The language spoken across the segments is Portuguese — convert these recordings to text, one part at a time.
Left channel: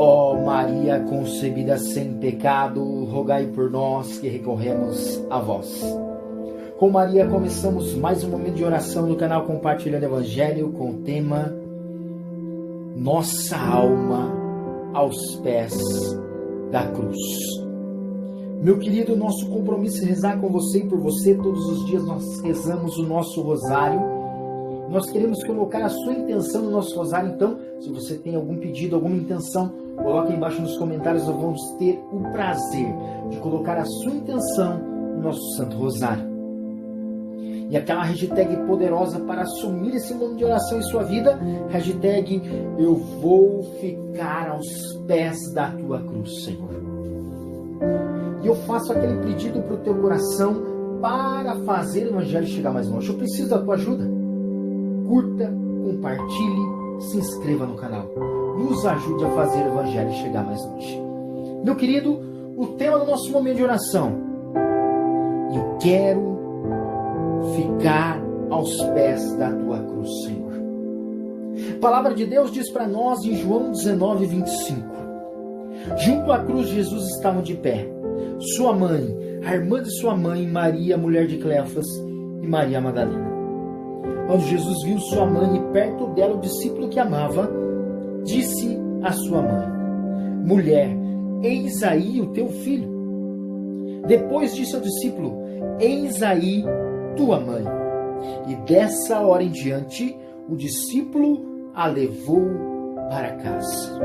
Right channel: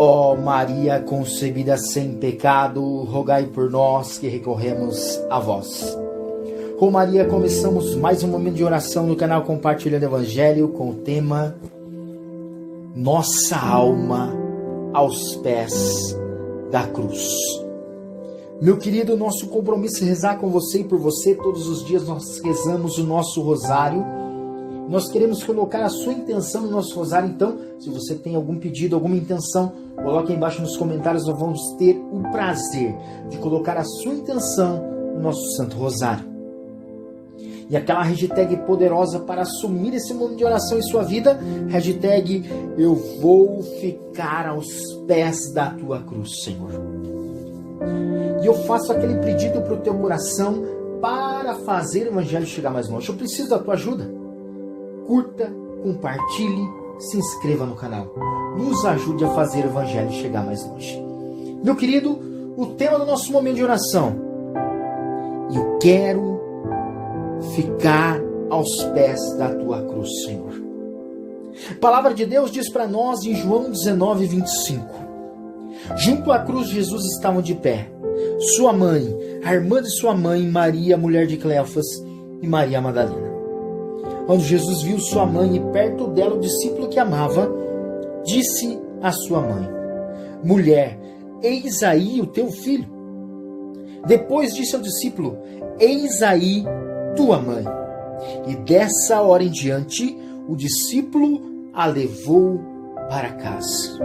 Ó Maria concebida sem pecado, rogai por nós que recorremos a vós. Com Maria começamos mais um momento de oração no canal Compartilhando Evangelho com o tema Nossa Alma aos Pés da Cruz. Meu querido, nosso compromisso é rezar com você e por você. Todos os dias nós rezamos o nosso rosário. Nós queremos colocar a sua intenção no nosso rosário. Então, se você tem algum pedido, alguma intenção, coloque aí embaixo nos comentários. Nós vamos ter o prazer de colocar a sua intenção no nosso Santo Rosário. E aquela hashtag poderosa para assumir esse momento de oração em sua vida, hashtag eu vou ficar aos pés da tua cruz, Senhor. E eu faço aquele pedido para o teu coração para fazer o Evangelho chegar mais longe. Eu preciso da tua ajuda. Curta, compartilhe, se inscreva no canal. Nos ajude a fazer o Evangelho chegar mais longe. Meu querido, o tema do nosso momento de oração. Eu quero ficar aos pés da tua cruz, Senhor. A palavra de Deus diz para nós em João 19, 25. Junto à cruz Jesus estava de pé. Sua mãe, a irmã de sua mãe, Maria, mulher de Cleofas, e Maria Madalena. Quando Jesus viu sua mãe e perto dela o discípulo que amava, disse à sua mãe: Mulher, eis aí o teu filho. Depois disse ao discípulo: Eis aí tua mãe. E dessa hora em diante, o discípulo a levou para casa.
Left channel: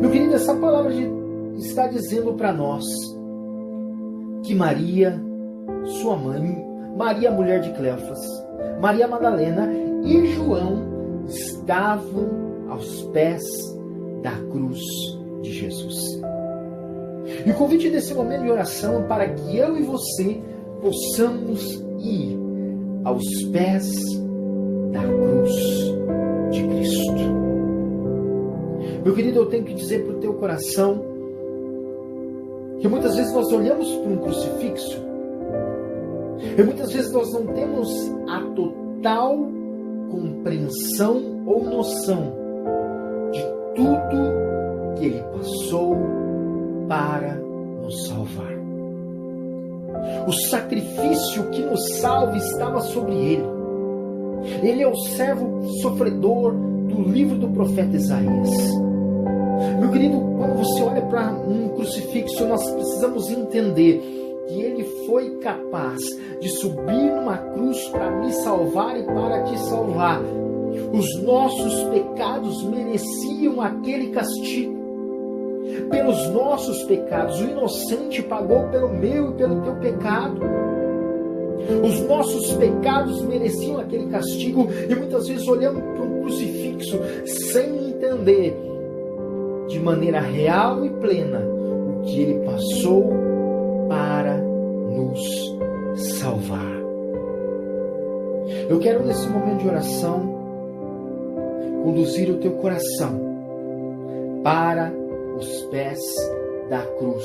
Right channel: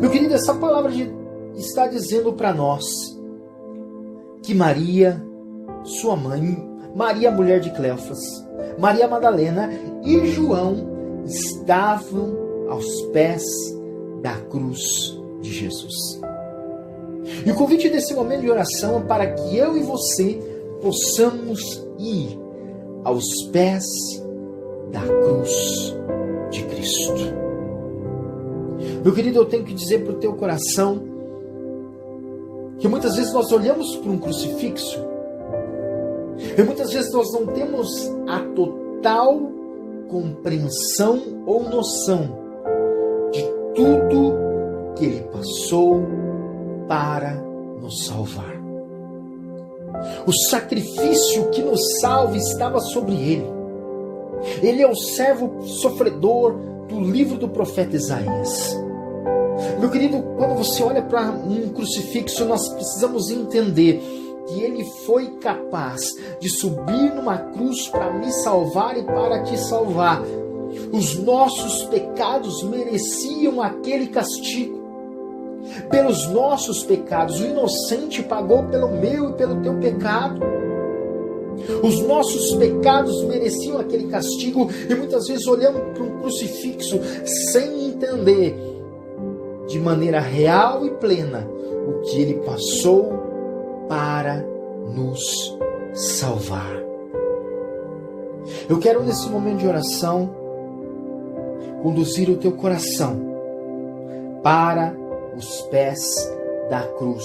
Meu querido, essa palavra está dizendo para nós que Maria, sua mãe, Maria, mulher de Cleofas, Maria Madalena e João estavam aos pés da cruz de Jesus. E o convite desse momento de oração é para que eu e você possamos ir aos pés da cruz de Cristo. Meu querido, eu tenho que dizer para o teu coração que muitas vezes nós olhamos para um crucifixo e muitas vezes nós não temos a total compreensão ou noção de tudo que Ele passou para nos salvar. O sacrifício que nos salva estava sobre Ele. Ele é o servo sofredor do livro do profeta Isaías. Meu querido, quando você olha para um crucifixo, nós precisamos entender que Ele foi capaz de subir numa cruz para me salvar e para te salvar. Os nossos pecados mereciam aquele castigo. Pelos nossos pecados, o inocente pagou pelo meu e pelo teu pecado. Os nossos pecados mereciam aquele castigo e muitas vezes olhamos para um crucifixo sem entender de maneira real e plena o que Ele passou para nos salvar. Eu quero nesse momento de oração conduzir o teu coração para os pés da cruz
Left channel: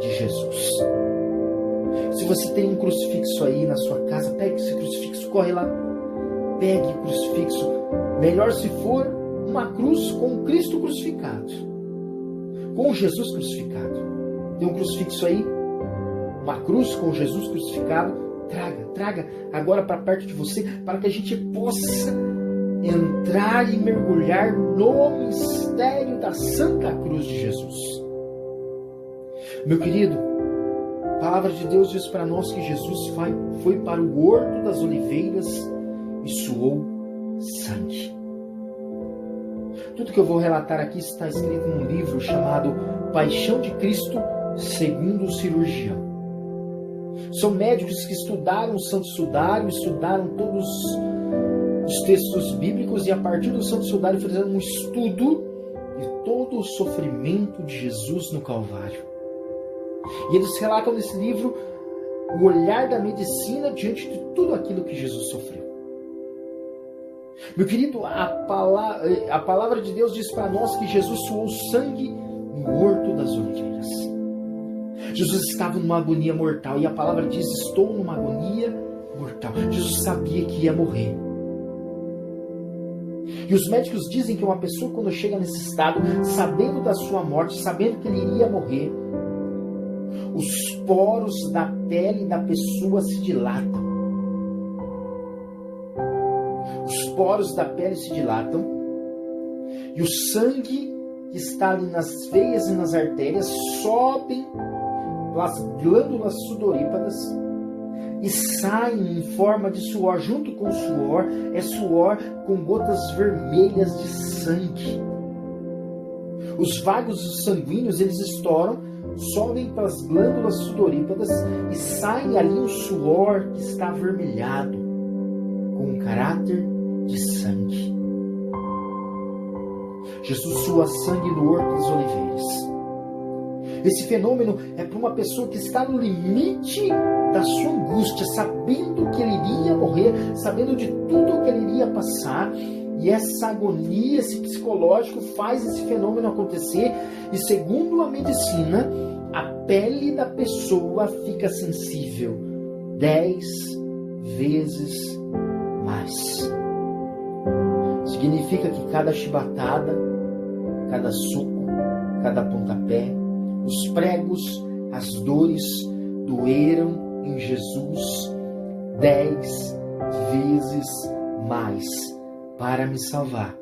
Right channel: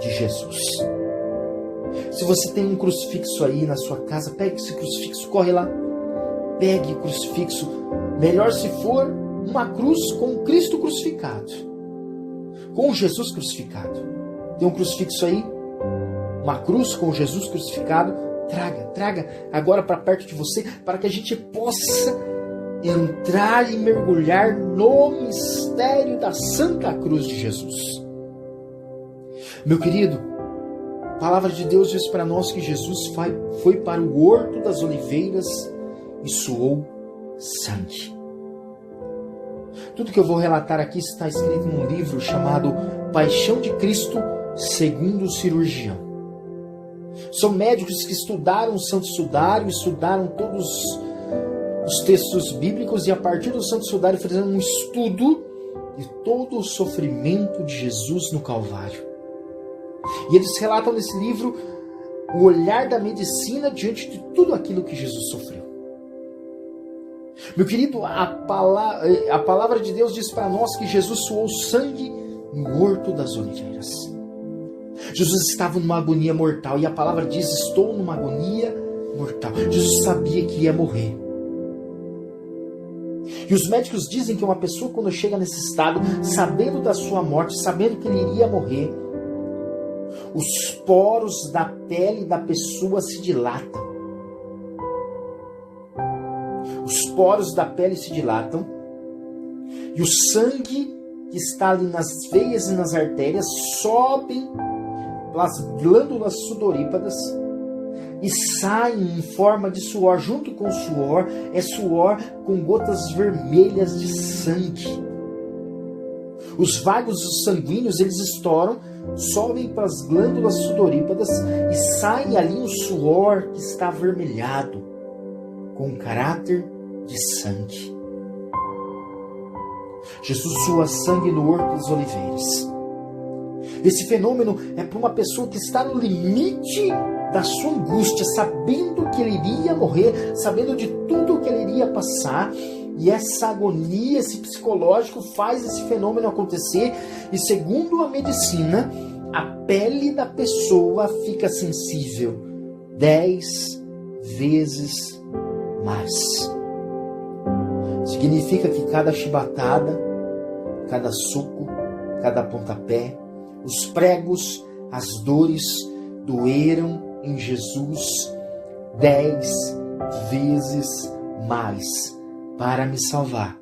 de Jesus. Se você tem um crucifixo aí na sua casa, pegue esse crucifixo, corre lá, pegue o crucifixo. Melhor se for uma cruz com Cristo crucificado, com Jesus crucificado. Tem um crucifixo aí? Uma cruz com Jesus crucificado? Traga agora para perto de você, para que a gente possa entrar e mergulhar no mistério da Santa Cruz de Jesus. Meu querido, a palavra de Deus diz para nós que Jesus foi para o Horto das Oliveiras e suou sangue. Tudo que eu vou relatar aqui está escrito num livro chamado Paixão de Cristo segundo o Cirurgião. São médicos que estudaram o Santo Sudário, estudaram todos os textos bíblicos e a partir do Santo Sudário fizeram um estudo de todo o sofrimento de Jesus no Calvário. E eles relatam nesse livro o olhar da medicina diante de tudo aquilo que Jesus sofreu. Meu querido, a palavra de Deus diz para nós que Jesus suou sangue no Horto das Oliveiras. Jesus estava numa agonia mortal e a palavra diz: estou numa agonia mortal. Jesus sabia que ia morrer. E os médicos dizem que uma pessoa, quando chega nesse estado, sabendo da sua morte, sabendo que ele iria morrer, os poros da pele da pessoa se dilatam. Os poros da pele se dilatam e o sangue que está ali nas veias e nas artérias sobem pelas glândulas sudoríparas e saem em forma de suor. Junto com o suor, é suor com gotas vermelhas de sangue. Os vagos sanguíneos, eles estouram, sobem para as glândulas sudoríparas e sai ali um suor que está avermelhado, com caráter de sangue. Jesus sua sangue no Horto das Oliveiras. Esse fenômeno é para uma pessoa que está no limite da sua angústia, sabendo que ele iria morrer, sabendo de tudo que ele iria passar, e essa agonia, esse psicológico faz esse fenômeno acontecer, e segundo a medicina, a pele da pessoa fica sensível 10 vezes mais. Significa que cada chibatada, cada soco, cada pontapé, os pregos, as dores doeram em Jesus 10 vezes mais para me salvar,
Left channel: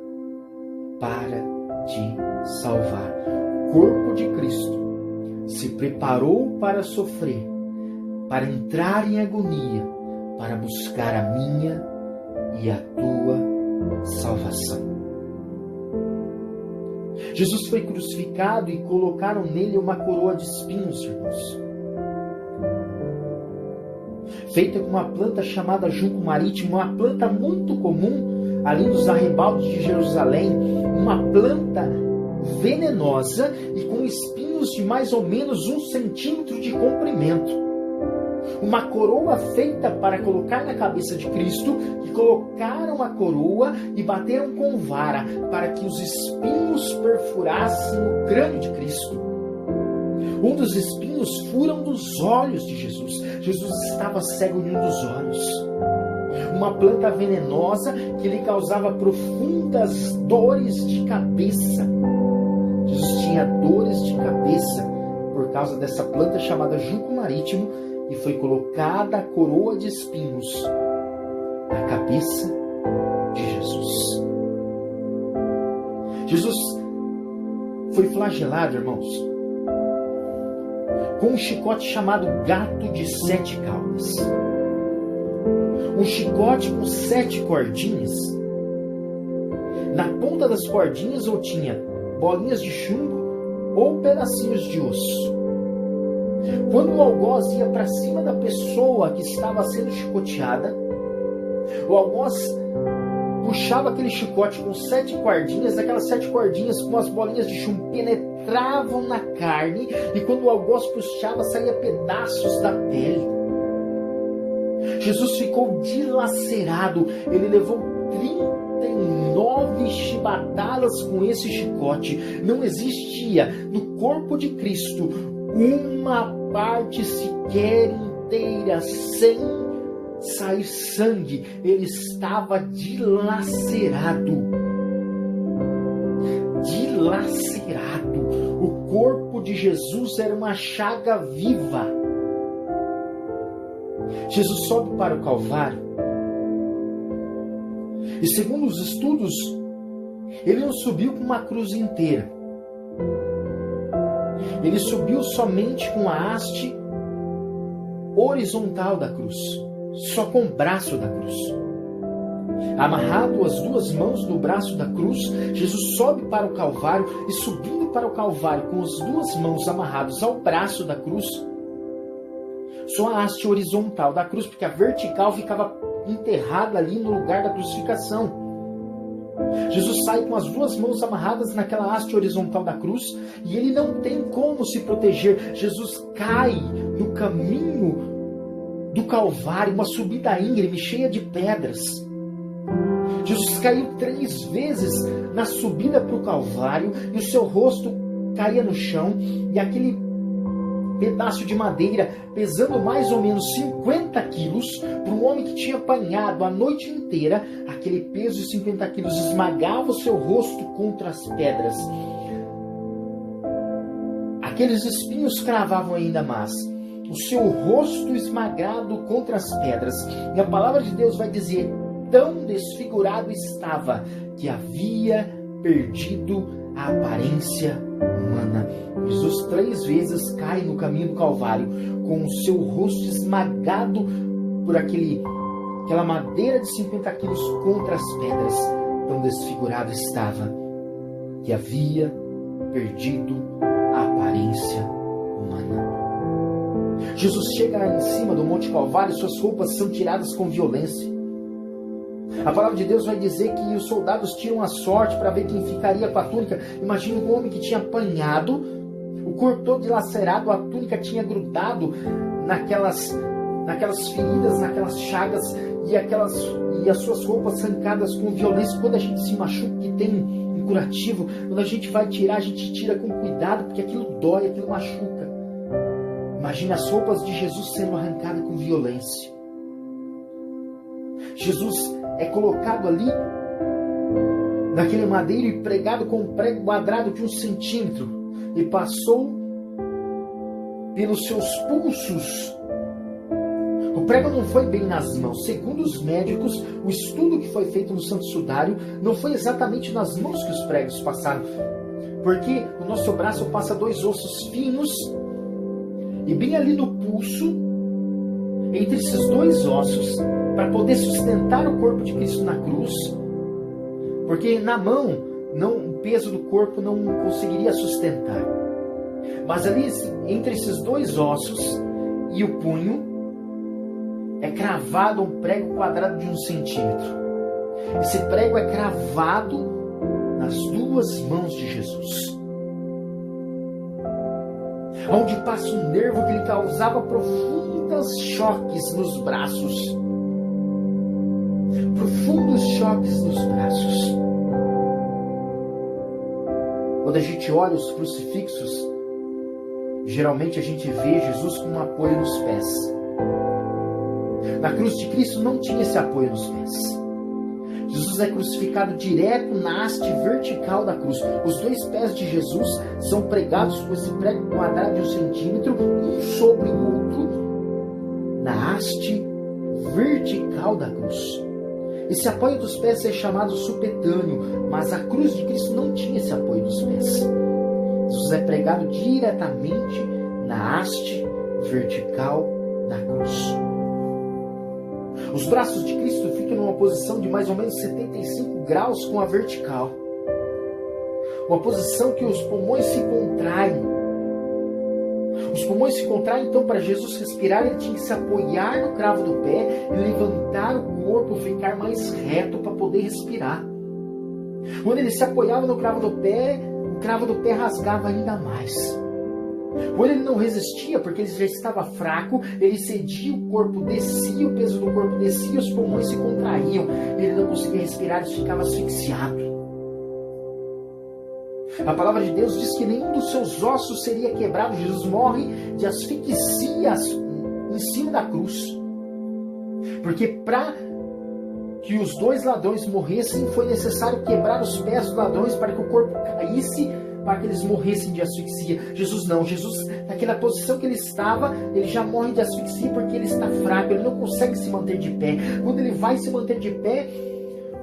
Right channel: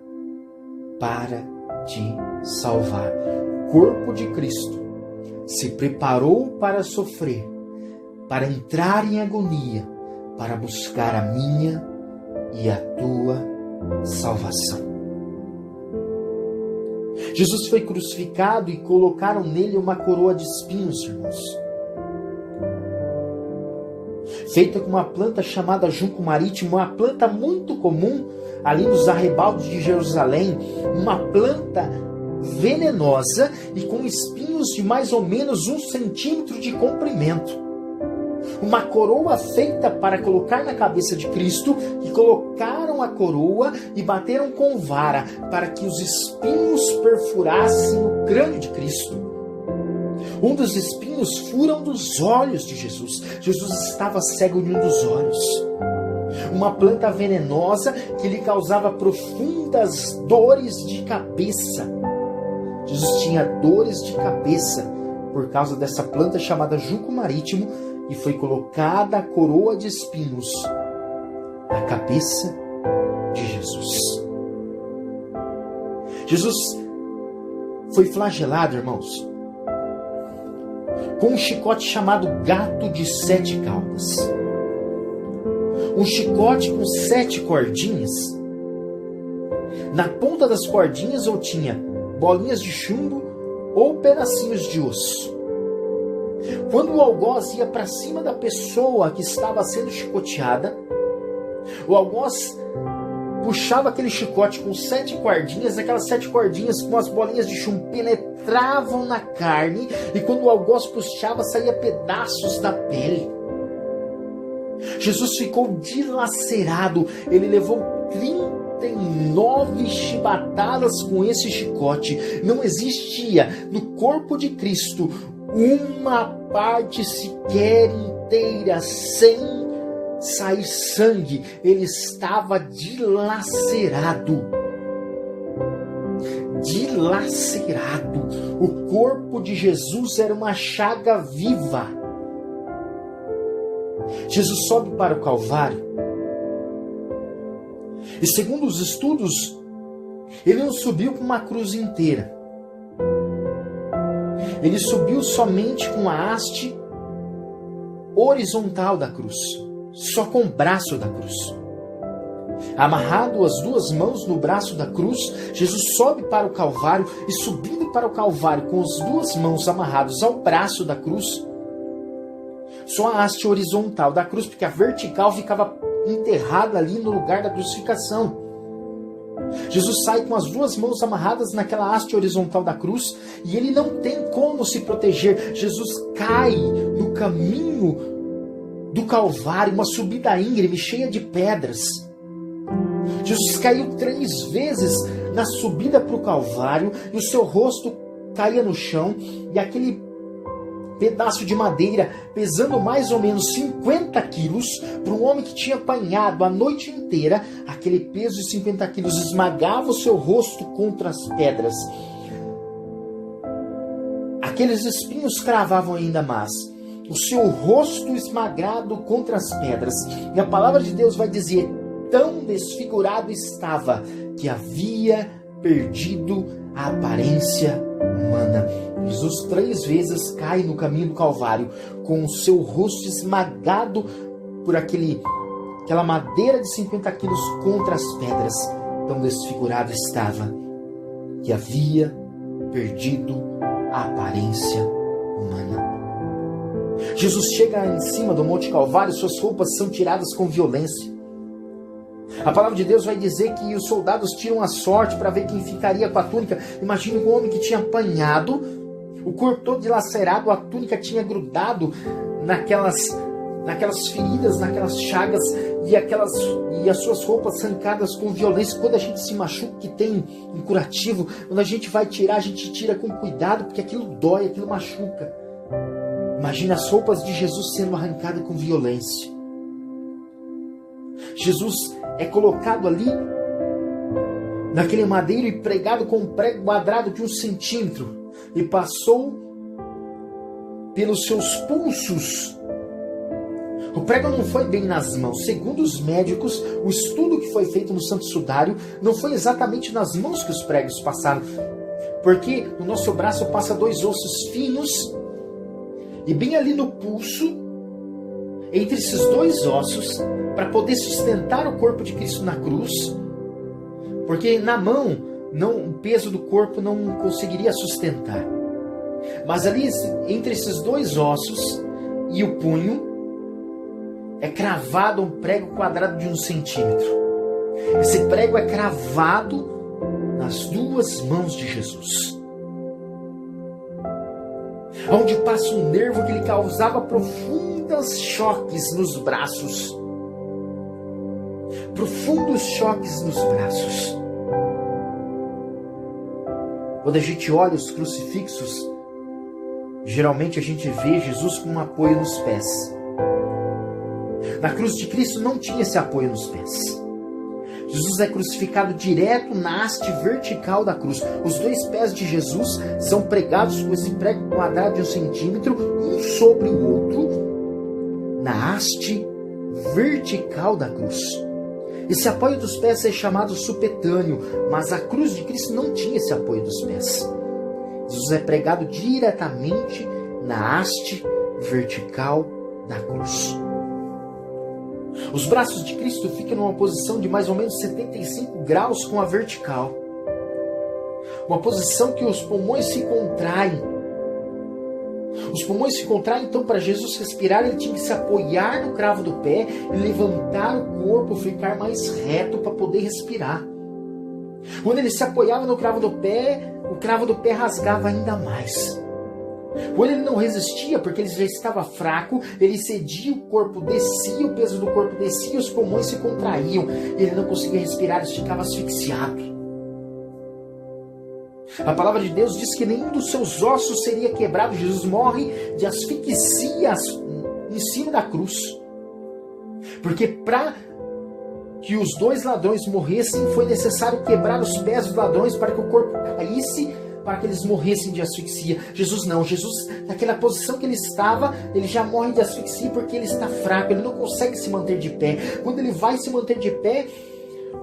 para te salvar. O corpo de Cristo se preparou para sofrer, para entrar em agonia, para buscar a minha e a tua salvação. Jesus foi crucificado e colocaram nele uma coroa de espinhos, irmãos, feita com uma planta chamada junco marítimo, uma planta muito comum ali nos arrebaldos de Jerusalém, uma planta venenosa e com espinhos de mais ou menos 1 centímetro de comprimento. Uma coroa feita para colocar na cabeça de Cristo, e colocaram a coroa e bateram com vara para que os espinhos perfurassem o crânio de Cristo. Um dos espinhos fura um dos olhos de Jesus. Jesus estava cego em um dos olhos. Uma planta venenosa que lhe causava profundas dores de cabeça. Jesus tinha dores de cabeça por causa dessa planta chamada junco marítimo, e foi colocada a coroa de espinhos na cabeça de Jesus. Jesus foi flagelado, irmãos, com um chicote chamado gato de 7 caudas. Um chicote com 7 cordinhas. Na ponta das cordinhas ou tinha bolinhas de chumbo ou pedacinhos de osso. Quando o algoz ia para cima da pessoa que estava sendo chicoteada, o algoz puxava aquele chicote com 7 cordinhas, aquelas 7 cordinhas com as bolinhas de chumbo penetravam na carne, e quando o algoz puxava, saía pedaços da pele. Jesus ficou dilacerado, ele levou 39 chibatadas com esse chicote. Não existia no corpo de Cristo uma parte sequer inteira sem sair sangue. Ele estava dilacerado. Dilacerado. O corpo de Jesus era uma chaga viva. Jesus sobe para o Calvário. E segundo os estudos, ele não subiu com uma cruz inteira. Ele subiu somente com a haste horizontal da cruz, só com o braço da cruz. Amarrado as 2 mãos no braço da cruz, Jesus sobe para o Calvário, e subindo para o Calvário com as 2 mãos amarradas ao braço da cruz, só a haste horizontal da cruz, porque a vertical ficava enterrada ali no lugar da crucificação. Jesus sai com as 2 mãos amarradas naquela haste horizontal da cruz, e ele não tem como se proteger. Jesus cai no caminho do Calvário, uma subida íngreme, cheia de pedras. Jesus caiu 3 vezes na subida para o Calvário, e o seu rosto caía no chão, e aquele pedaço de madeira pesando mais ou menos 50 quilos, para um homem que tinha apanhado a noite inteira, aquele peso de 50 quilos esmagava o seu rosto contra as pedras. Aqueles espinhos cravavam ainda mais o seu rosto esmagado contra as pedras. E a palavra de Deus vai dizer: tão desfigurado estava que havia perdido a aparência humana. Jesus 3 vezes cai no caminho do Calvário com o seu rosto esmagado por aquela madeira de 50 quilos contra as pedras. Tão desfigurado estava que havia perdido a aparência humana. Jesus chega em cima do Monte Calvário, suas roupas são tiradas com violência. A palavra de Deus vai dizer que os soldados tiram a sorte para ver quem ficaria com a túnica. Imagine um homem que tinha apanhado, o corpo todo dilacerado, a túnica tinha grudado naquelas feridas, naquelas chagas, e as suas roupas arrancadas com violência. Quando a gente se machuca, que tem um curativo, quando a gente vai tirar, a gente tira com cuidado, porque aquilo dói, aquilo machuca. Imagina as roupas de Jesus sendo arrancadas com violência. Jesus é colocado ali naquele madeiro e pregado com um prego quadrado de 1 centímetro, e passou pelos seus pulsos. O prego não foi bem nas mãos. Segundo os médicos, o estudo que foi feito no Santo Sudário, não foi exatamente nas mãos que os pregos passaram, porque o nosso braço passa 2 ossos finos, e bem ali no pulso, entre esses 2 ossos, para poder sustentar o corpo de Cristo na cruz, porque na mão o peso do corpo não conseguiria sustentar. Mas ali entre esses 2 ossos e o punho é cravado um prego quadrado de 1 centímetro. Esse prego é cravado nas 2 mãos de Jesus, onde passa um nervo que lhe causava profundos choques nos braços. Profundos choques nos braços. Quando a gente olha os crucifixos, geralmente a gente vê Jesus com um apoio nos pés. Na cruz de Cristo não tinha esse apoio nos pés. Jesus é crucificado direto na haste vertical da cruz. Os 2 pés de Jesus são pregados com esse prego quadrado de 1 centímetro, um sobre o outro, na haste vertical da cruz. Esse apoio dos pés é chamado supetâneo, mas a cruz de Cristo não tinha esse apoio dos pés. Jesus é pregado diretamente na haste vertical da cruz. Os braços de Cristo ficam numa posição de mais ou menos 75 graus com a vertical. Uma posição que os pulmões se contraem. Os pulmões se contraem, então para Jesus respirar ele tinha que se apoiar no cravo do pé e levantar o corpo, ficar mais reto para poder respirar. Quando ele se apoiava no cravo do pé, o cravo do pé rasgava ainda mais. Quando ele não resistia, porque ele já estava fraco, ele cedia, o corpo descia, o peso do corpo descia, os pulmões se contraíam, ele não conseguia respirar, ele ficava asfixiado. A palavra de Deus diz que nenhum dos seus ossos seria quebrado. Jesus morre de asfixia em cima da cruz. Porque para que os 2 ladrões morressem, foi necessário quebrar os pés dos ladrões para que o corpo caísse, para que eles morressem de asfixia. Jesus não. Jesus, naquela posição que ele estava, ele já morre de asfixia porque ele está fraco, ele não consegue se manter de pé. Quando ele vai se manter de pé,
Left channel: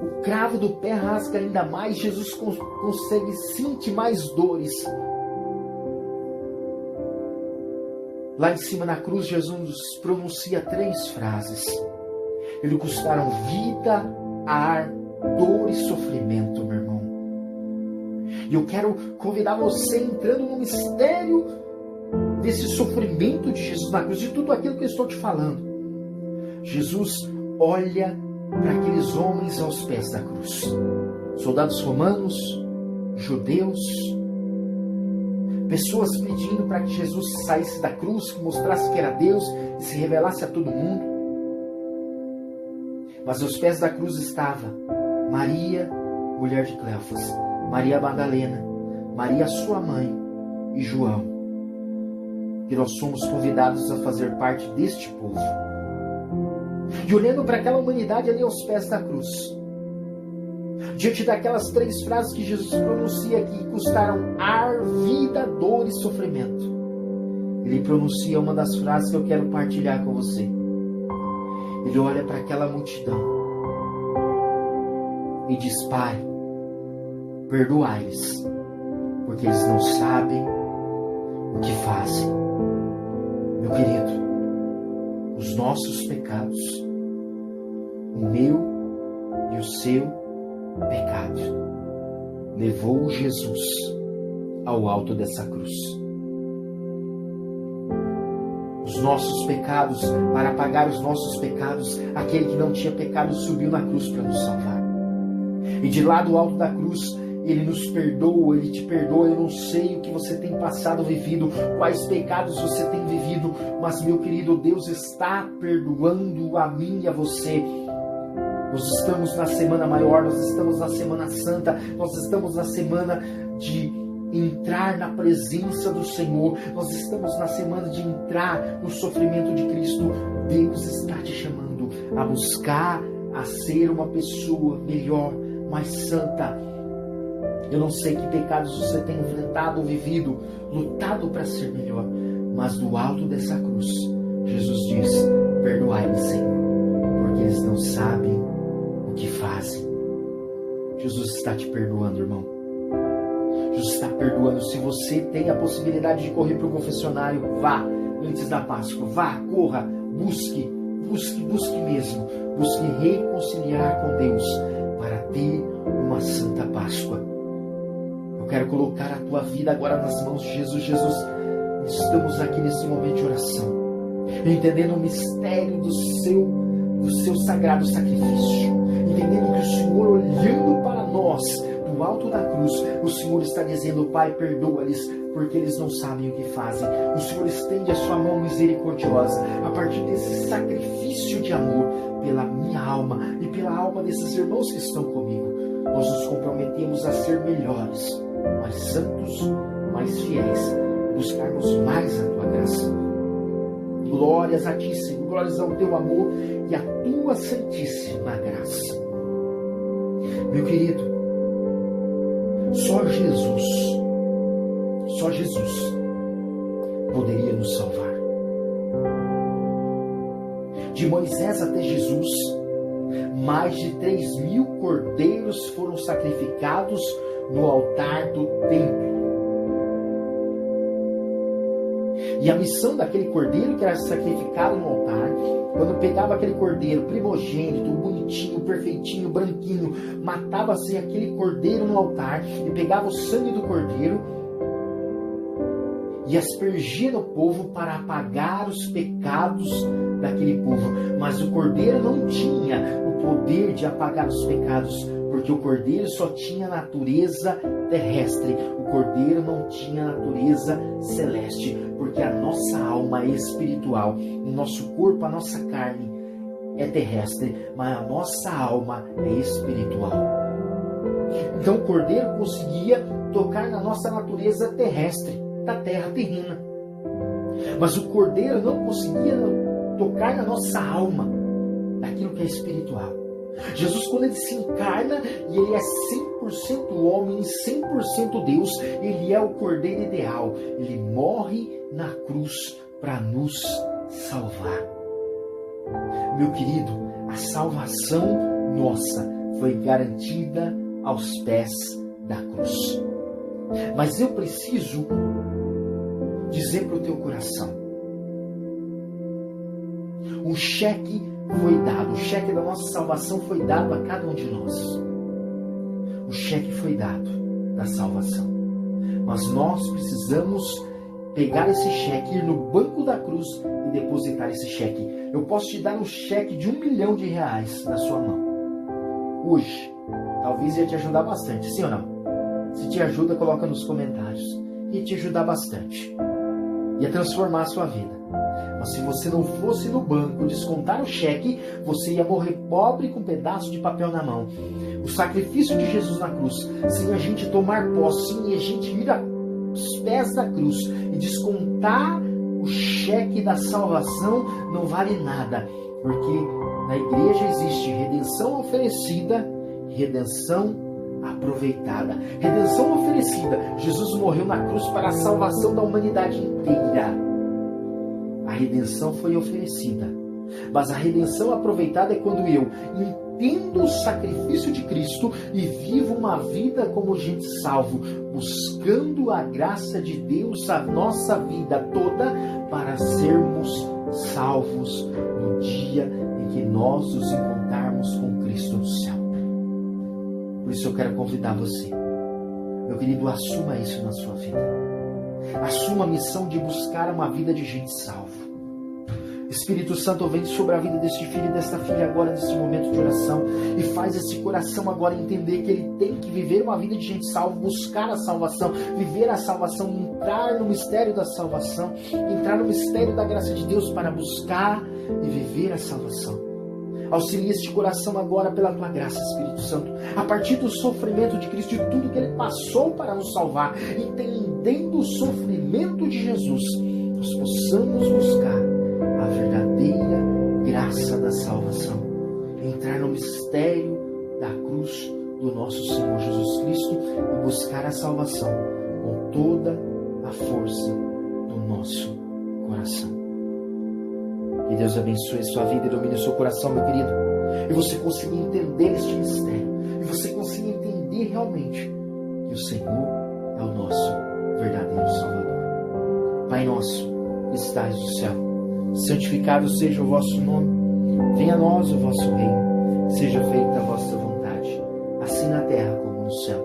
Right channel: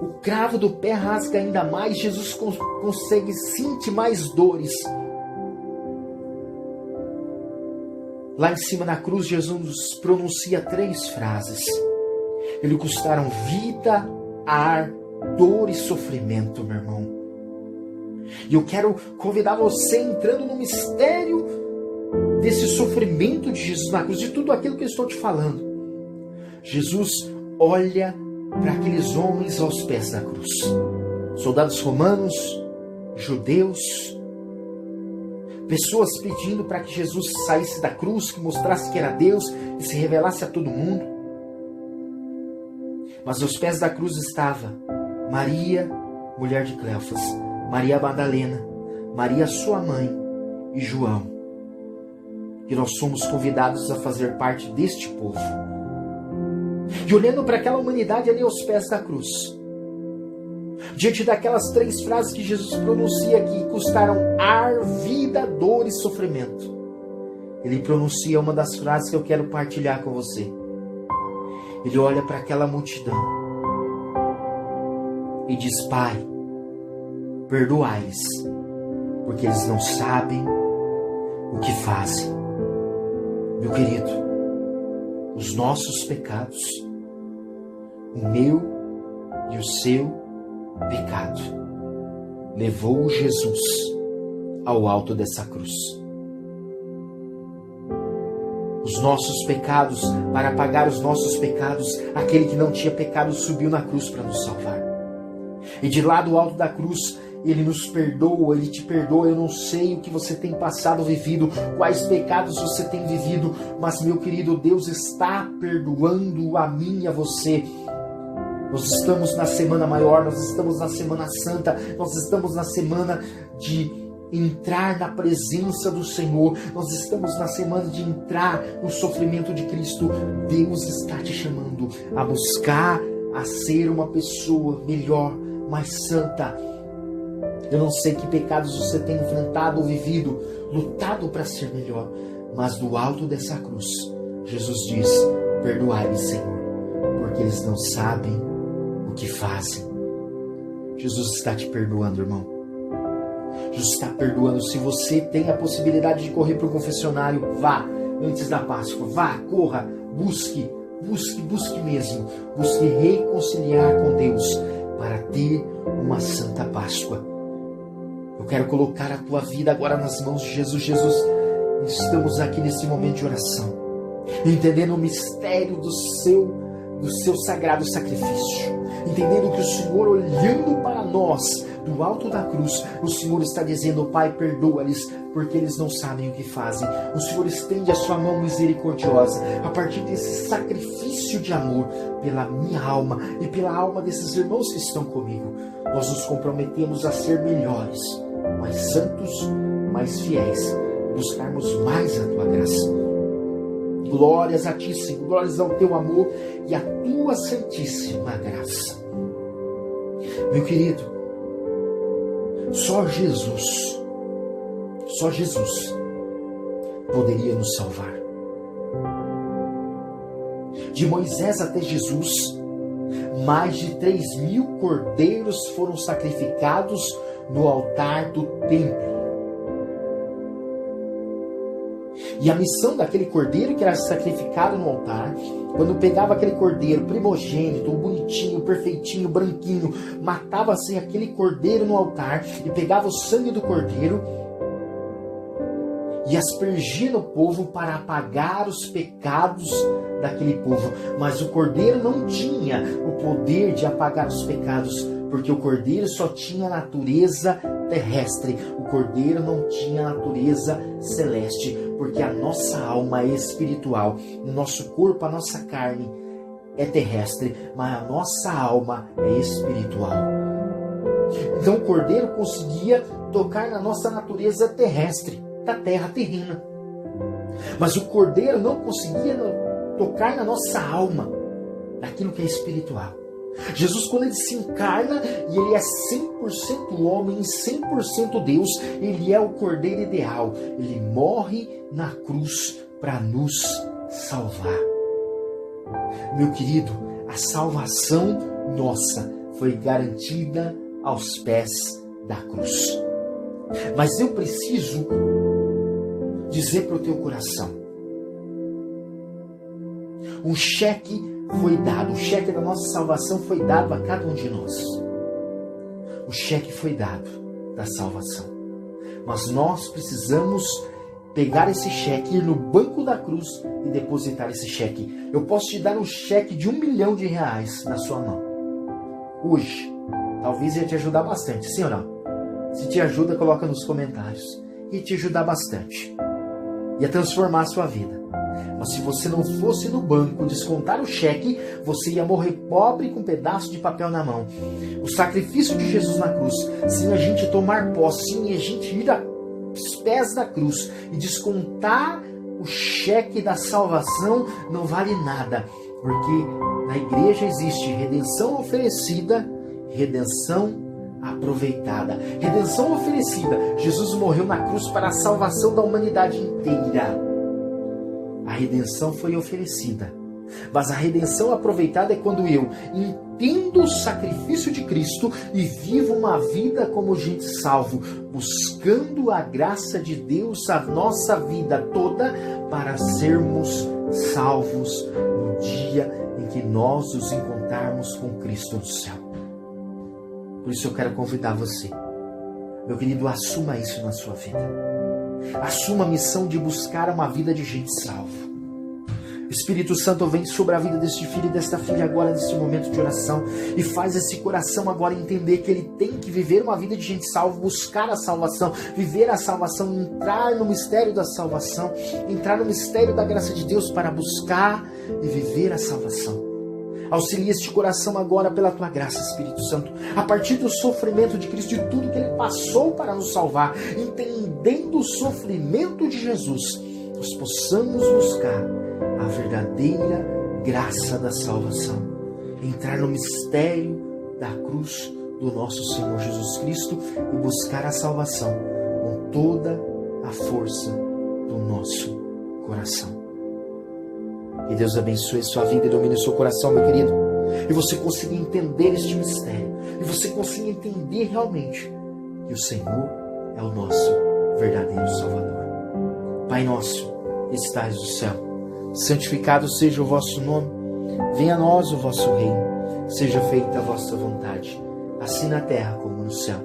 o cravo do pé rasga ainda mais, Jesus consegue sentir mais dores. Lá em cima na cruz, Jesus pronuncia 3 frases. Ele custaram vida, ar, dor e sofrimento, meu irmão. E eu quero convidar você, entrando no mistério desse sofrimento de Jesus na cruz, de tudo aquilo que eu estou te falando. Jesus olha para aqueles homens aos pés da cruz. Soldados romanos, judeus, pessoas pedindo para que Jesus saísse da cruz, que mostrasse que era Deus e se revelasse a todo mundo. Mas aos pés da cruz estava Maria, mulher de Cleofas, Maria Madalena, Maria sua mãe e João. que nós somos convidados a fazer parte deste povo. E olhando para aquela humanidade ali aos pés da cruz, diante daquelas 3 frases que Jesus pronuncia que custaram ar, vida, dor e sofrimento, ele pronuncia uma das frases que eu quero partilhar com você. Ele olha para aquela multidão e diz: Pai, perdoai-lhes, porque eles não sabem o que fazem. Meu querido, os nossos pecados, o meu e o seu pecado, levou Jesus ao alto dessa cruz. Os nossos pecados, para pagar os nossos pecados, aquele que não tinha pecado subiu na cruz para nos salvar. E de lá do alto da cruz, Ele nos perdoa, Ele te perdoa. Eu não sei o que você tem passado, vivido, quais pecados você tem vivido, mas, meu querido, Deus está perdoando a mim e a você. Nós estamos na Semana Maior, nós estamos na Semana Santa, nós estamos na semana de entrar na presença do Senhor, nós estamos na semana de entrar no sofrimento de Cristo. Deus está te chamando a buscar, a ser uma pessoa melhor, mais santa. Eu não sei que pecados você tem enfrentado ou vivido, lutado para ser melhor, mas do alto dessa cruz, Jesus diz: perdoai-lhes, Senhor, porque eles não sabem o que fazem. Jesus está te perdoando, irmão. Jesus está perdoando. Se você tem a possibilidade de correr para o confessionário, vá antes da Páscoa. Vá, corra, busque mesmo. Busque reconciliar com Deus para ter uma santa Páscoa. Eu quero colocar a tua vida agora nas mãos de Jesus. Jesus, estamos aqui nesse momento de oração, entendendo o mistério do seu sagrado sacrifício, entendendo que o Senhor, olhando para nós do alto da cruz, o Senhor está dizendo: Pai, perdoa-lhes, porque eles não sabem o que fazem. O Senhor estende a sua mão misericordiosa a partir desse sacrifício de amor pela minha alma e pela alma desses irmãos que estão comigo. Nós nos comprometemos a ser melhores, mais santos, mais fiéis, buscarmos mais a tua graça. Glórias a ti, Senhor, glórias ao teu amor e à tua santíssima graça. Meu querido, só Jesus poderia nos salvar. De Moisés até Jesus, mais de 3.000 cordeiros foram sacrificados no altar do templo. E a missão daquele cordeiro que era sacrificado no altar, quando pegava aquele cordeiro primogênito, bonitinho, perfeitinho, branquinho, matava-se aquele cordeiro no altar e pegava o sangue do cordeiro e aspergia no povo para apagar os pecados daquele povo. Mas o cordeiro não tinha o poder de apagar os pecados, porque o cordeiro só tinha natureza terrestre. O cordeiro não tinha natureza celeste, porque a nossa alma é espiritual. O nosso corpo, a nossa carne é terrestre, mas a nossa alma é espiritual. Então o cordeiro conseguia tocar na nossa natureza terrestre, da terra terrena. Mas o cordeiro não conseguia tocar na nossa alma, naquilo que é espiritual. Jesus, quando ele se encarna e ele é 100% homem e 100% Deus, ele é o cordeiro ideal. Ele morre na cruz para nos salvar. Meu querido, a salvação nossa foi garantida aos pés da cruz. Mas eu preciso dizer para o teu coração: um cheque foi dado, o cheque da nossa salvação foi dado a cada um de nós. O cheque foi dado da salvação. Mas nós precisamos pegar esse cheque, ir no banco da cruz e depositar esse cheque. Eu posso te dar um cheque de R$1 milhão na sua mão hoje. Talvez ia te ajudar bastante, sim ou não? Se te ajuda, coloca nos comentários. Ia te ajudar bastante. Ia transformar a sua vida. Mas se você não fosse no banco descontar o cheque, você ia morrer pobre com um pedaço de papel na mão. O sacrifício de Jesus na cruz, sem a gente tomar posse, sem a gente ir aos pés da cruz e descontar o cheque da salvação não vale nada, porque na igreja existe redenção oferecida, redenção aproveitada. Redenção oferecida. Jesus morreu na cruz para a salvação da humanidade inteira. A redenção foi oferecida. Mas a redenção aproveitada é quando eu entendo o sacrifício de Cristo e vivo uma vida como gente salvo, buscando a graça de Deus a nossa vida toda para sermos salvos no dia em que nós nos encontrarmos com Cristo no céu. Por isso eu quero convidar você, meu querido, assuma isso na sua vida. Assuma a missão de buscar uma vida de gente salvo. Espírito Santo, vem sobre a vida deste filho e desta filha agora, neste momento de oração, e faz esse coração agora entender que ele tem que viver uma vida de gente salva, buscar a salvação, viver a salvação, entrar no mistério da salvação, entrar no mistério da graça de Deus para buscar e viver a salvação. Auxilia este coração agora pela tua graça, Espírito Santo, a partir do sofrimento de Cristo, de tudo que ele passou para nos salvar, entendendo o sofrimento de Jesus, nós possamos buscar a verdadeira graça da salvação, entrar no mistério da cruz do nosso Senhor Jesus Cristo e buscar a salvação com toda a força do nosso coração. Que Deus abençoe sua vida e domine o seu coração, meu querido, e você consiga entender este mistério, e você consiga entender realmente que o Senhor é o nosso verdadeiro Salvador. Pai nosso, que estais no céu, santificado seja o vosso nome, venha a nós o vosso reino, seja feita a vossa vontade, assim na terra como no céu.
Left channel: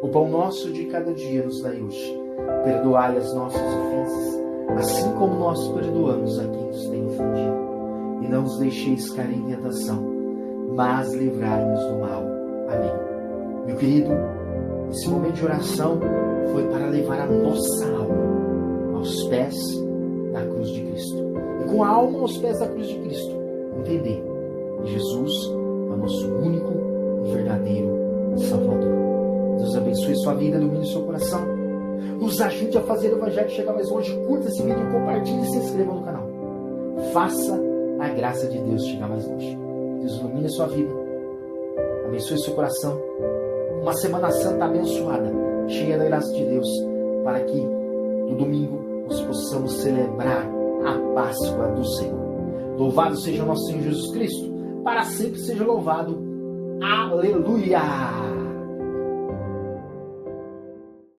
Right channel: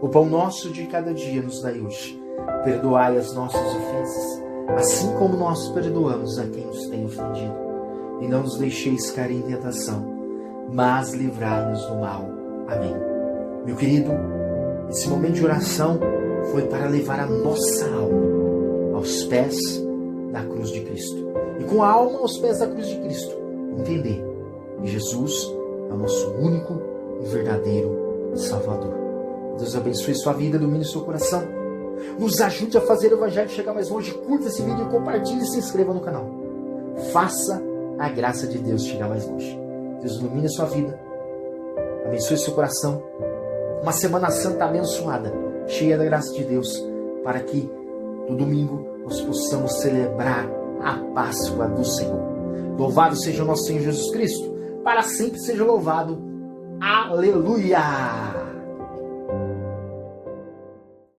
O pão nosso de cada dia nos dai hoje, perdoai as nossas ofensas, assim como nós perdoamos a quem nos tem ofendido, e não nos deixeis cair em tentação, mas livrai-nos do mal. Amém. Meu querido, esse momento de oração foi para levar a nossa alma aos pés da cruz de Cristo. E com a alma aos pés da cruz de Cristo, entender que Jesus é o nosso único e verdadeiro Salvador. Deus abençoe sua vida, domine seu coração. Nos ajude a fazer o Evangelho chegar mais longe. Curta esse vídeo, compartilhe e se inscreva no canal. Faça a graça de Deus chegar mais longe. Deus ilumine a sua vida, abençoe seu coração. Uma Semana Santa abençoada, cheia da graça de Deus, para que no domingo nós possamos celebrar a Páscoa do Senhor. Louvado seja o nosso Senhor Jesus Cristo, para sempre seja louvado. Aleluia!